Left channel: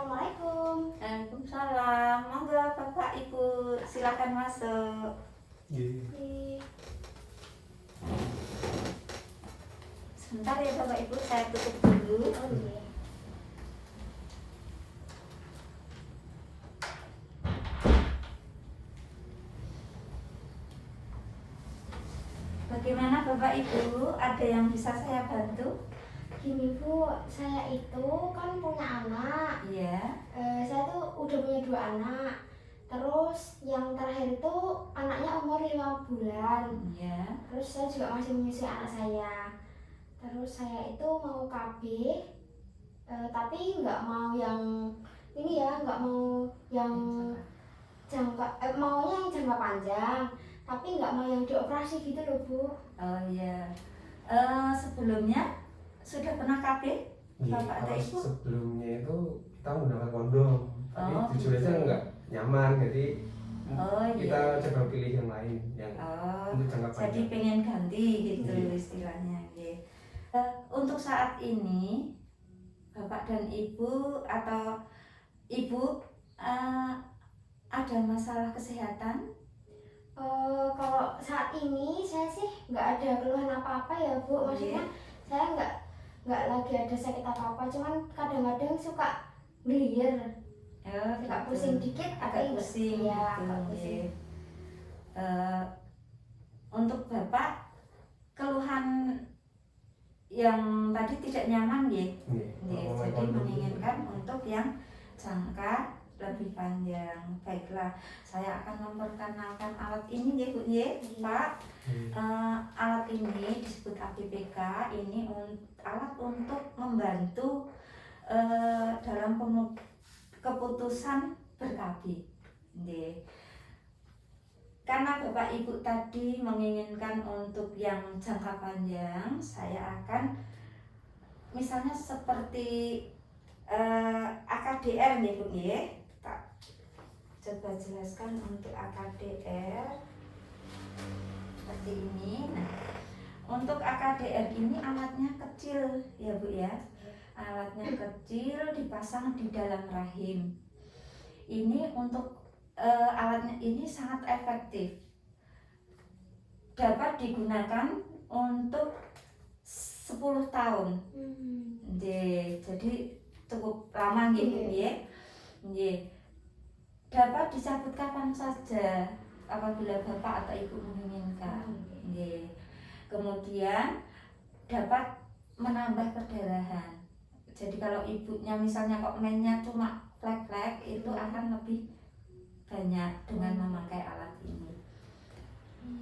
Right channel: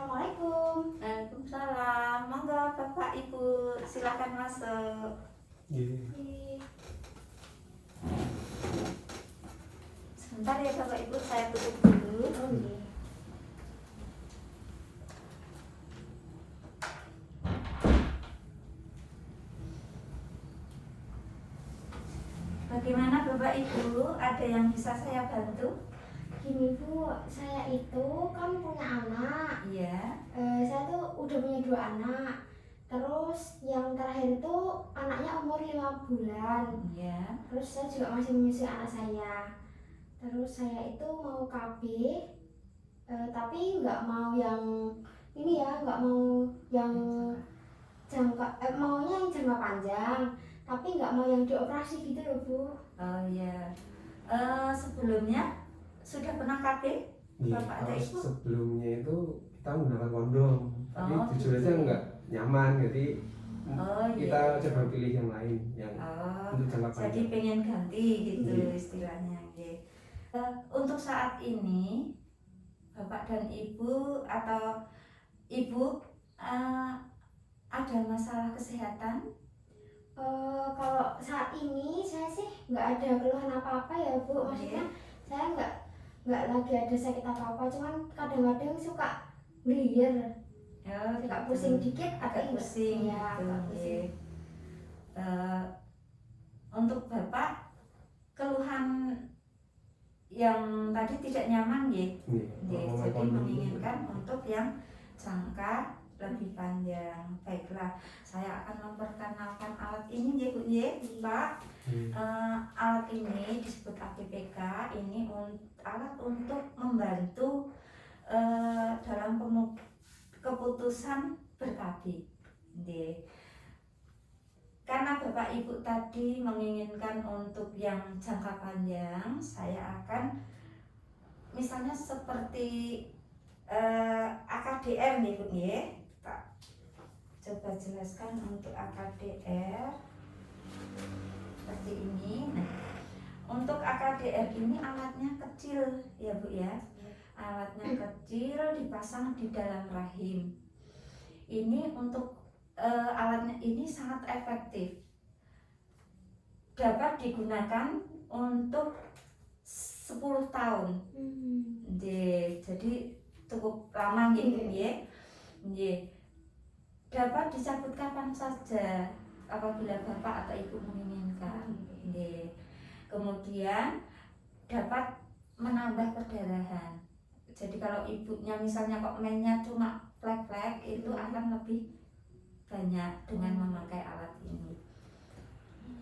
Assalamualaikum. Waalaikumsalam. Monggo Bapak Ibu silakan masuk. Sebentar ya Bapak Ibu, saya tutup dulu. Bagaimana Bapak Ibu? Ada yang bisa saya bantu? Gini Bu, saya itu kan punya anak. Iya. Saya tuh udah punya 2 anak. Terus yang terakhir itu anaknya umur 5 bulan. Iya. Terus saya juga masih menyusui anak saya. Terus saya itu mau KB, tapi nggak mau yang ini ya, nggak mau yang maunya yang jangka panjang, tapi nggak mau yang dioperasi gitu loh Bu. Oh iya. Sebelumnya sudah pernah KB? Bapak ada Ibu? Sebelumnya itu kita menggunakan kondom, tapi jujur aja nggak nyaman, jadi kita coba pilih yang lain yang untuk jangka panjang. Jadi pengen ganti gitu istilahnya. Untuk saat ini Bapak dan Ibu atau Ibu ada masalah kesehatan? Kalau saat ini saya sih nggak ada keluhan apa-apa ya Bu. Maksudnya saya nggak lagi ada sakit apa-apa, cuman kadang-kadang suka gelir, agak pusing dikit, agak pusing. Ya, agak pusing. Untuk Bapak keluhan yang tadi tidak nyaman ya? Jadi menginginkan untuk yang jangka lebih panjang. Baiklah, saya akan memperkenalkan alat ini ya Bu ya, Pak. Alat ini disebut ABPK. Ini alat untuk membantu dalam keputusan ber-KB. Karena Bapak Ibu tadi menginginkan untuk yang jangka panjang, saya akan misalnya seperti AKDR nih Bu ya. Coba jelaskan untuk AKDR seperti ini. Nah, untuk AKDR ini alatnya kecil ya Bu ya. Alatnya kecil, dipasang di dalam rahim. Ini untuk alatnya ini sangat efektif. Dapat digunakan untuk 10 tahun. Jadi cukup lama gitu ya. Dapat dicabut kapan saja apabila Bapak atau Ibu menginginkan. Kemudian dapat menambah perdarahan. Jadi kalau ibunya misalnya kok mainnya cuma flek-flek, itu akan lebih banyak dengan memakai alat ini.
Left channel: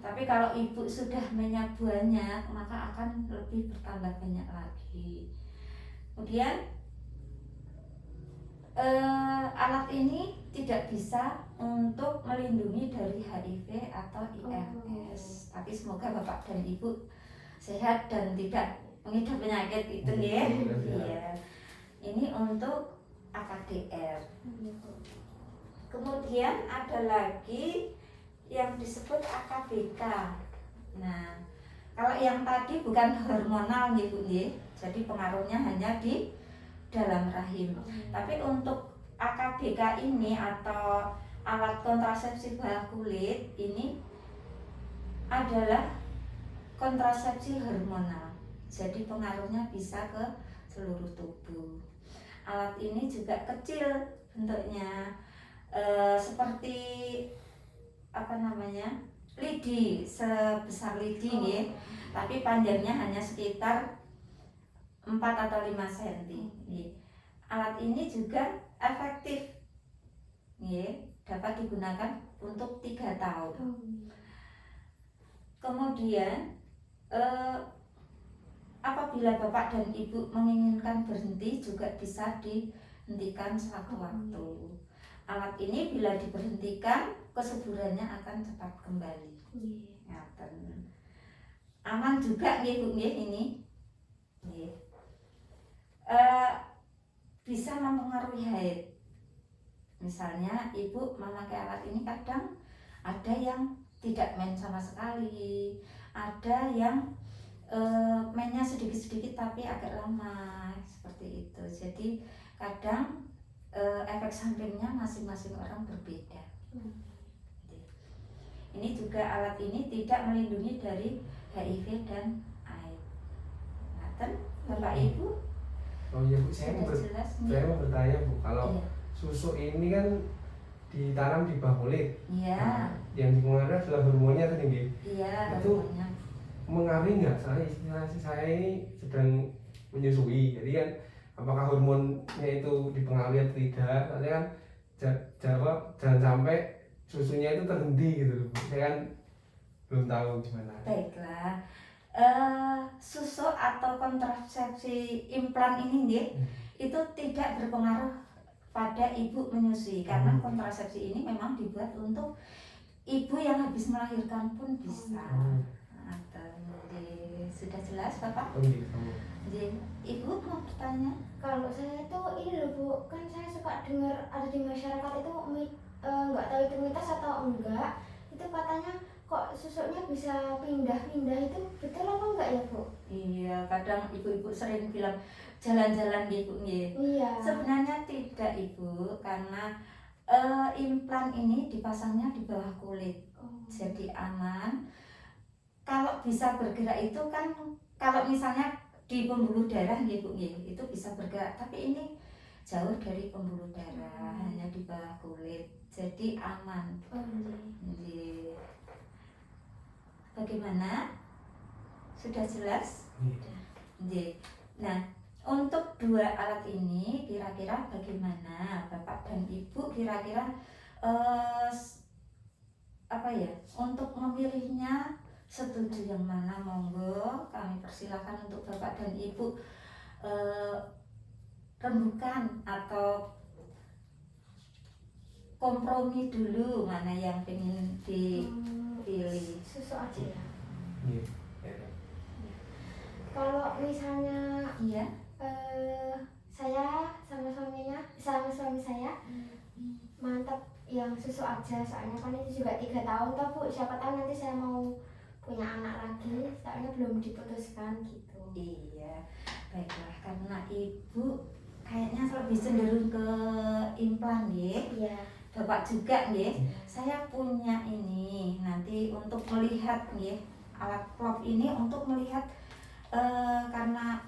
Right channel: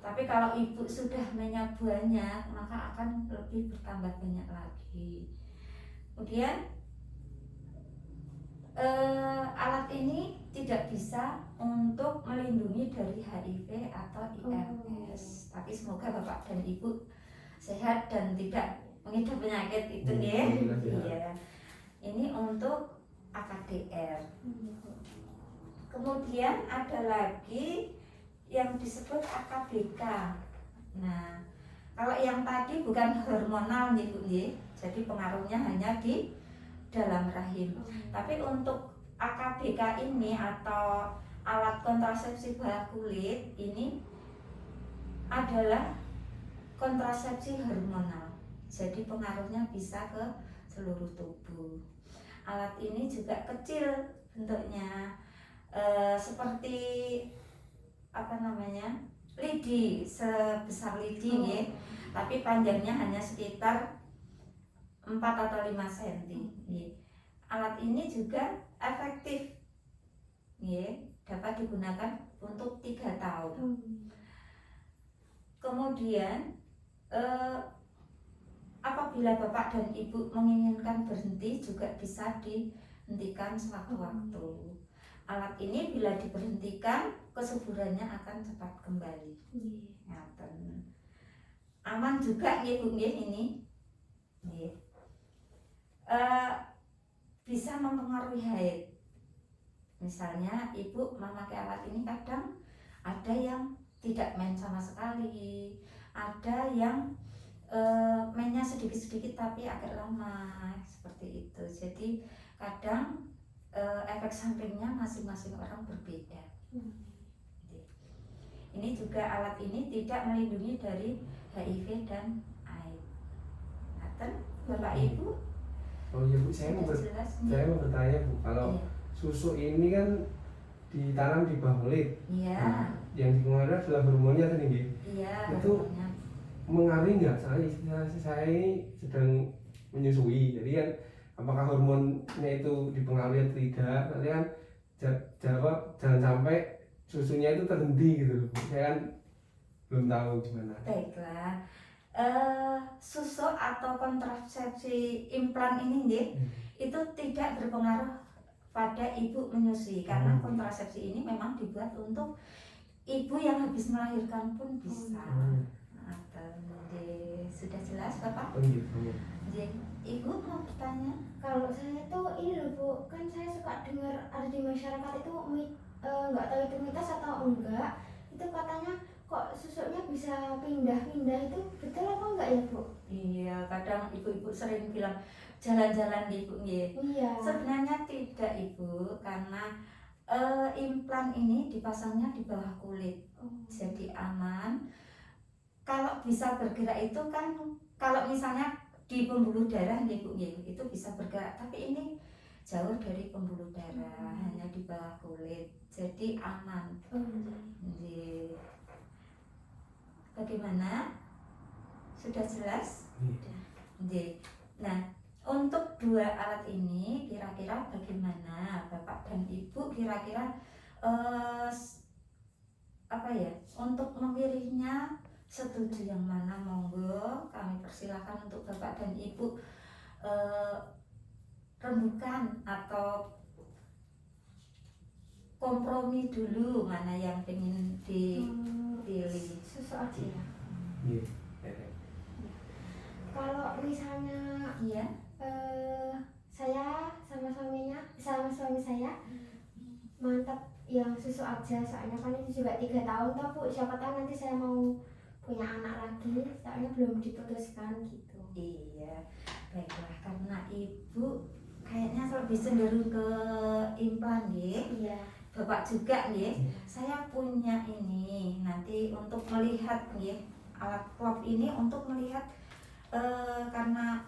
Tapi kalau ibu sudah mainnya banyak, maka akan lebih bertambah banyak lagi. Kemudian alat ini tidak bisa untuk melindungi dari HIV atau IMS. Tapi semoga Bapak dan Ibu sehat dan tidak mengidap penyakit itu ya. Iya. Ini untuk AKDR. Kemudian ada lagi yang disebut AKBK. Nah, kalau yang tadi bukan hormonal nih Bu ya. Jadi pengaruhnya hanya di dalam rahim. Tapi untuk AKBK ini atau alat kontrasepsi bawah kulit ini adalah kontrasepsi hormonal. Jadi pengaruhnya bisa ke seluruh tubuh. Alat ini juga kecil bentuknya, seperti lidi, sebesar lidi ya. Tapi panjangnya hanya sekitar 4 atau 5 cm. Alat ini juga efektif, dapat digunakan untuk 3 tahun. Kemudian apabila Bapak dan Ibu menginginkan berhenti juga bisa dihentikan sewaktu-waktu. Alat ini bila diberhentikan, kesuburannya akan cepat kembali. Aman juga ya Bu ini. Bisa mempengaruhi haid. Misalnya ibu memakai alat ini, kadang ada yang tidak main sama sekali, ada yang mainnya sedikit-sedikit tapi agak lama seperti itu. Jadi kadang efek sampingnya masing-masing orang berbeda. Ini juga alat ini tidak melindungi dari HIV dan AIDS. Ngaten, Bapak Ibu? Oh iya Bu, saya mau bertanya Bu, kalau Iya. susu ini kan ditanam di bawah kulit. Iya. Nah, yang dipengaruhi adalah hormonnya kan ini. Iya, Itu hormonnya. mengaruhi nggak? Saya ini sedang menyusui, jadi kan apakah hormonnya itu dipengaruhi atau tidak? Nanti kan jawab jangan sampai susunya itu terhenti gitu loh. Saya kan belum tahu gimana. Baiklah. Susu atau kontrasepsi implan ini nggih, itu tidak berpengaruh pada ibu menyusui karena kontrasepsi ini memang dibuat untuk ibu yang habis melahirkan pun bisa. Jadi sudah jelas Bapak? Jadi Ibu mau bertanya? Kalau saya tuh ini loh Bu, kan saya suka dengar ada di masyarakat itu nggak tahu itu mitos atau enggak, itu katanya kok susunya bisa pindah-pindah, itu betul apa enggak ya Bu? Iya, kadang ibu-ibu sering bilang jalan-jalan Ibu nggih. Iya. Sebenarnya tidak Ibu, karena implan ini dipasangnya di bawah kulit, jadi aman. Kalau bisa bergerak itu kan, kalau misalnya di pembuluh darah Ibu itu bisa bergerak, tapi ini jauh dari pembuluh darah, hanya di bawah kulit, jadi aman. Jadi, bagaimana? Sudah jelas? Jadi, nah untuk dua alat ini kira-kira bagaimana Bapak dan Ibu kira-kira apa ya untuk memilihnya? Setuju yang mana? Monggo kami persilakan untuk Bapak dan Ibu rembukan atau kompromi dulu mana yang ingin dipilih. Susu aja ya. Iya. Kalau misalnya Iya. Saya sama suami saya mantap yang susu aja, soalnya kan ini juga 3 tahun toh Bu, siapa tahu nanti saya mau punya anak lagi, soalnya belum diputuskan gitu. Iya, baiklah, karena Ibu kayaknya lebih cenderung ke implan ya. Iya. Bapak juga ya. Saya punya ini nanti untuk melihat ya, alat prop ini untuk melihat karena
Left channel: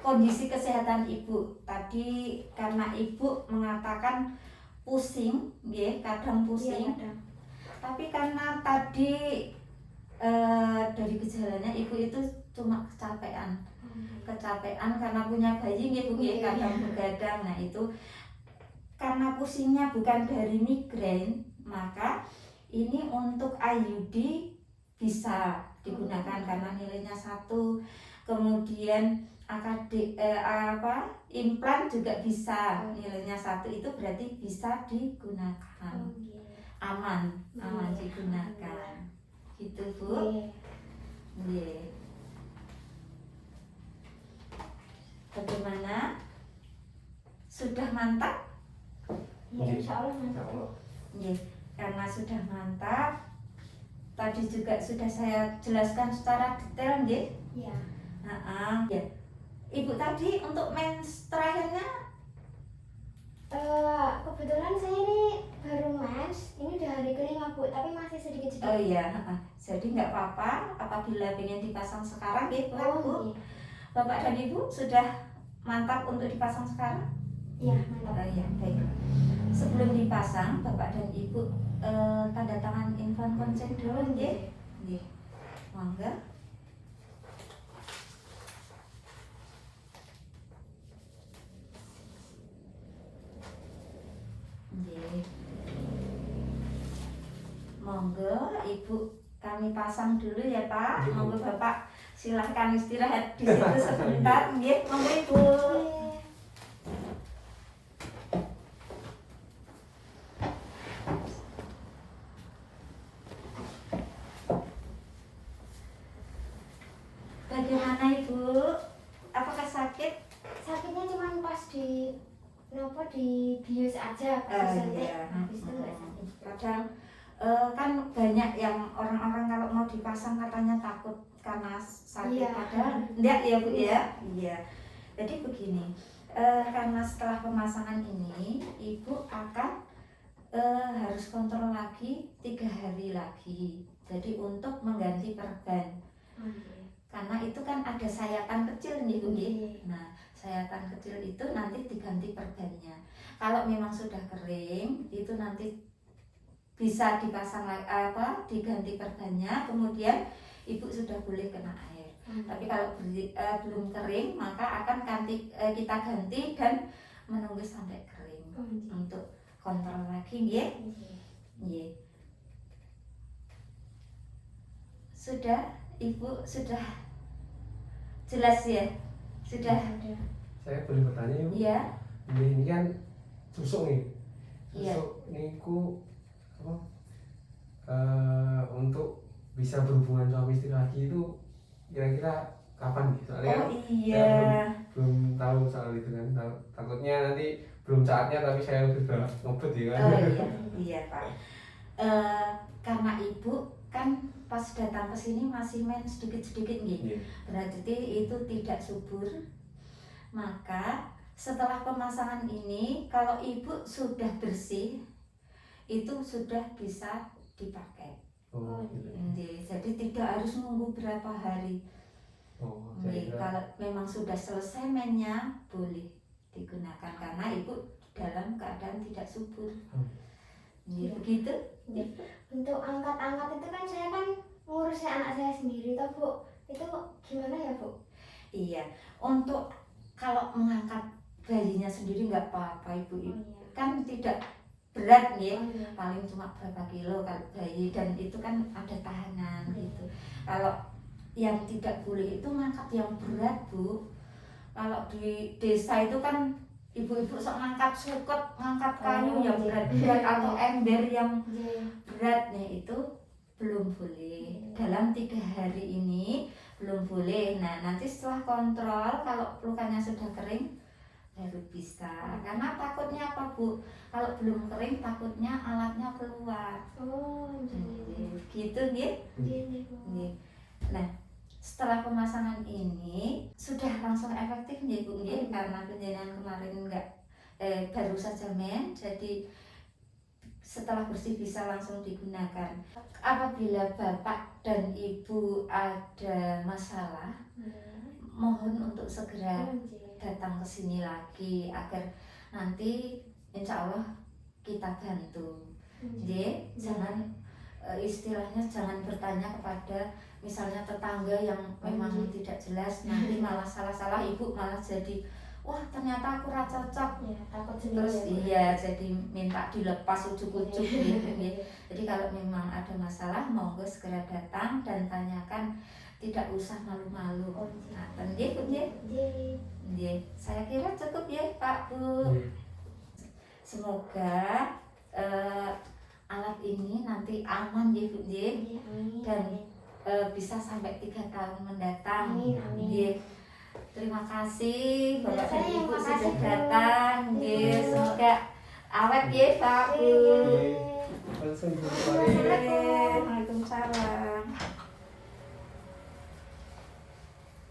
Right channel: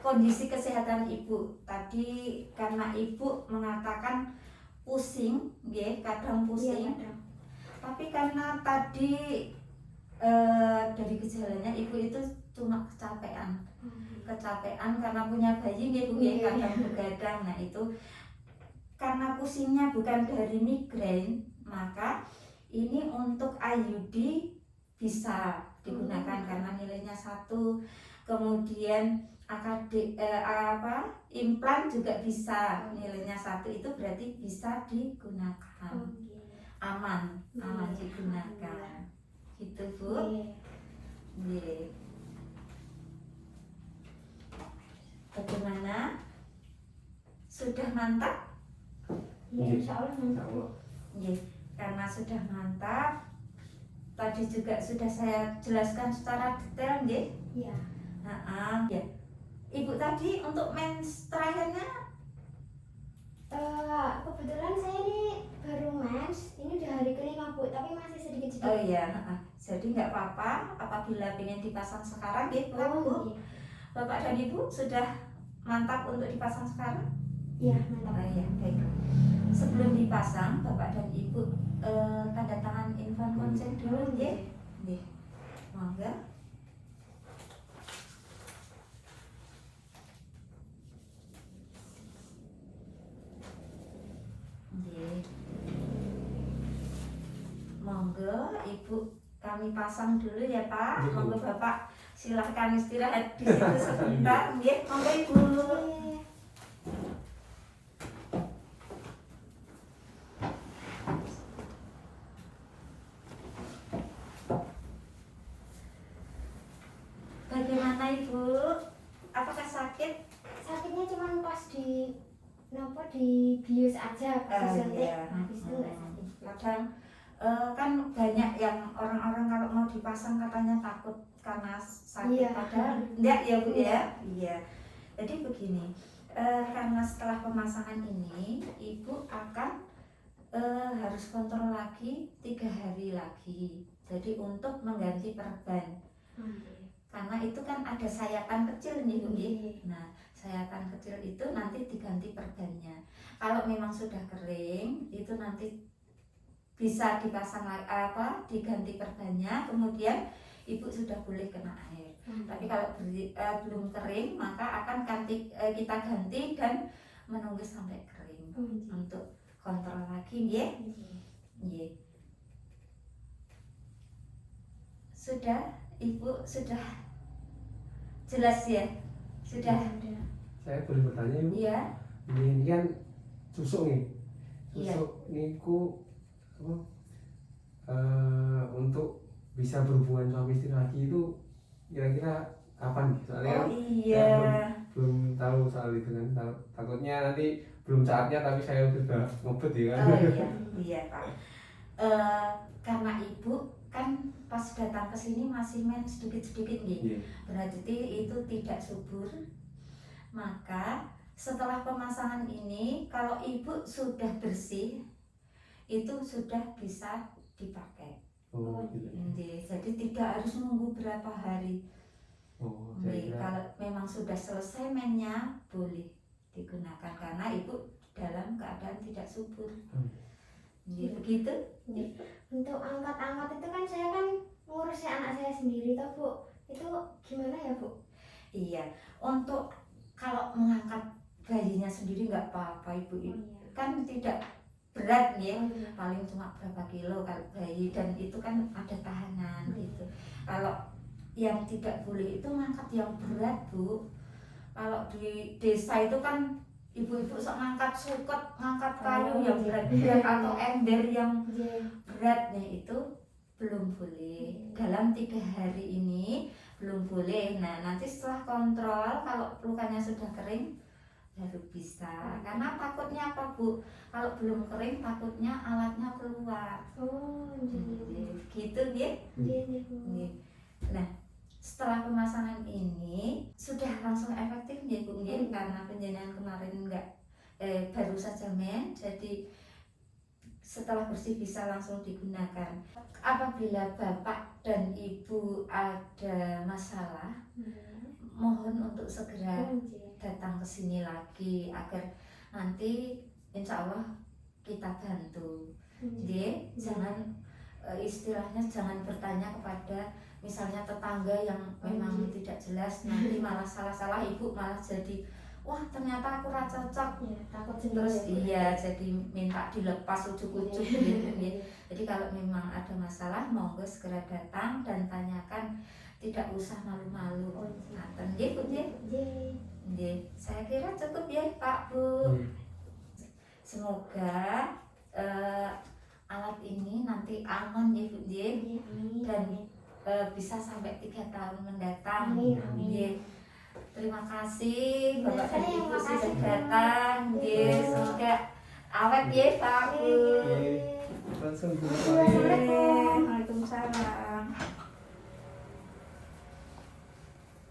kondisi kesehatan Ibu. Tadi karena Ibu mengatakan pusing ya, kadang pusing. Iya, Tapi karena tadi dari gejalanya Ibu itu cuma kecapean karena punya bayi nih Bu ya, kadang begadang. Nah itu karena pusingnya bukan dari migrain, maka ini untuk IUD bisa digunakan karena nilainya 1. Kemudian implan juga bisa nilainya 1, itu berarti bisa digunakan, aman digunakan. Gitu Bu. Iya. Bagaimana? Sudah mantap? Ya, insya Allah mantap. Iya, karena sudah mantap. Tadi juga sudah saya jelaskan secara detail, nggih. Iya. Ya. Ibu tadi untuk mens terakhirnya kebetulan saya ini baru mens, ini udah hari kelima Bu, tapi masih sedikit-sedikit. oh iya, jadi nggak apa-apa apabila ingin dipasang sekarang, nggih Bu. Bapak dan Ibu sudah mantap untuk dipasang sekarang? Iya, mantap. Oh iya, baik. Sebelum dipasang, Bapak dan Ibu tanda tangan infant consent dulu, nggih. Nggih. Monggo. Nggih. Monggo Ibu kami pasang dulu ya Pak. Monggo Bapak silahkan istirahat di situ sebentar, nggih. Monggo Ibu. Bagaimana Ibu? Apakah sakit? Sakitnya cuma pas di bius aja, pas disuntik, habis itu nggak sakit. Kadang kan banyak yang orang-orang kalau mau dipasang katanya takut karena sakit, Iya. padahal enggak ya Bu ya. Iya. Jadi begini, Karena setelah pemasangan ini ibu akan harus kontrol lagi 3 hari lagi. Jadi untuk mengganti perban. Karena itu kan ada sayatan kecil nih Bu. Nah, sayatan kecil itu nanti diganti perbannya. Kalau memang sudah kering, itu nanti bisa dipasang diganti perbannya, kemudian ibu sudah boleh kena air. Tapi kalau belum kering, maka akan kita ganti dan menunggu sampai kering untuk kontrol lagi, ya. Sudah, ibu sudah jelas ya? Sudah. Saya boleh bertanya Ibu? Iya. Ini kan susuk nih. Iya. Susuk niku apa? Untuk bisa berhubungan suami istri lagi itu kira-kira kapan nih? Soalnya Oh kan iya. belum tahu soal itu kan. Takutnya nanti belum saatnya tapi saya sudah ngebet ya kan. Oh iya, iya Pak. Karena ibu kan pas datang ke sini masih main sedikit-sedikit nih. Iya. Berarti itu tidak subur. Maka setelah pemasangan ini, kalau ibu sudah bersih, itu sudah bisa dipakai. Oh, gitu. Jadi tidak harus nunggu berapa hari. Oh, saya Nih, kira kalau memang sudah selesai mainnya, boleh digunakan karena ibu dalam keadaan tidak subur. Iya. Begitu. Untuk angkat-angkat itu kan saya kan ngurusin anak saya sendiri toh Bu. Itu gimana ya Bu? Iya, untuk kalau mengangkat bayinya sendiri nggak apa-apa ibu. Kan tidak berat nih, paling cuma berapa kilo kalau bayi, dan itu kan ada tahanan gitu. Kalau yang tidak boleh itu ngangkat yang berat Bu. Kalau di desa itu kan ibu-ibu sok ngangkat sukut, ngangkat kayu yang berat-berat atau ember yang beratnya itu belum boleh. Dalam 3 hari ini belum boleh. Nah, nanti setelah kontrol kalau lukanya sudah kering baru bisa. Karena takutnya apa Bu? Kalau belum kering takutnya alatnya keluar. Oh, Gitu ya. Nah, setelah pemasangan ini sudah langsung efektif ya Bu ya, karena penjenengan kemarin baru saja main, jadi setelah bersih bisa langsung digunakan. Apabila Bapak dan Ibu ada masalah, mohon untuk segera datang ke sini lagi agar nanti insya Allah kita bantu. Jadi jangan istilahnya jangan bertanya kepada misalnya tetangga yang memang tidak jelas, nanti malah salah-salah ibu malah jadi wah ternyata aku rasa cocok ya, takut terus sendiri. iya jadi minta dilepas ujuk-ujuk gitu ya. Jadi kalau memang ada masalah monggo segera datang dan tanyakan, tidak usah malu-malu. Nah, nggih Bu nggih. Saya kira cukup ya Pak Bu. Semoga alat ini nanti aman ya Bu nggih, dan bisa sampai 3 tahun mendatang. Nggih. Terima kasih Bapak dan Ibu sudah datang. Nggih, semoga awet ya Pak Bu. langsung Bu. Waalaikumsalam.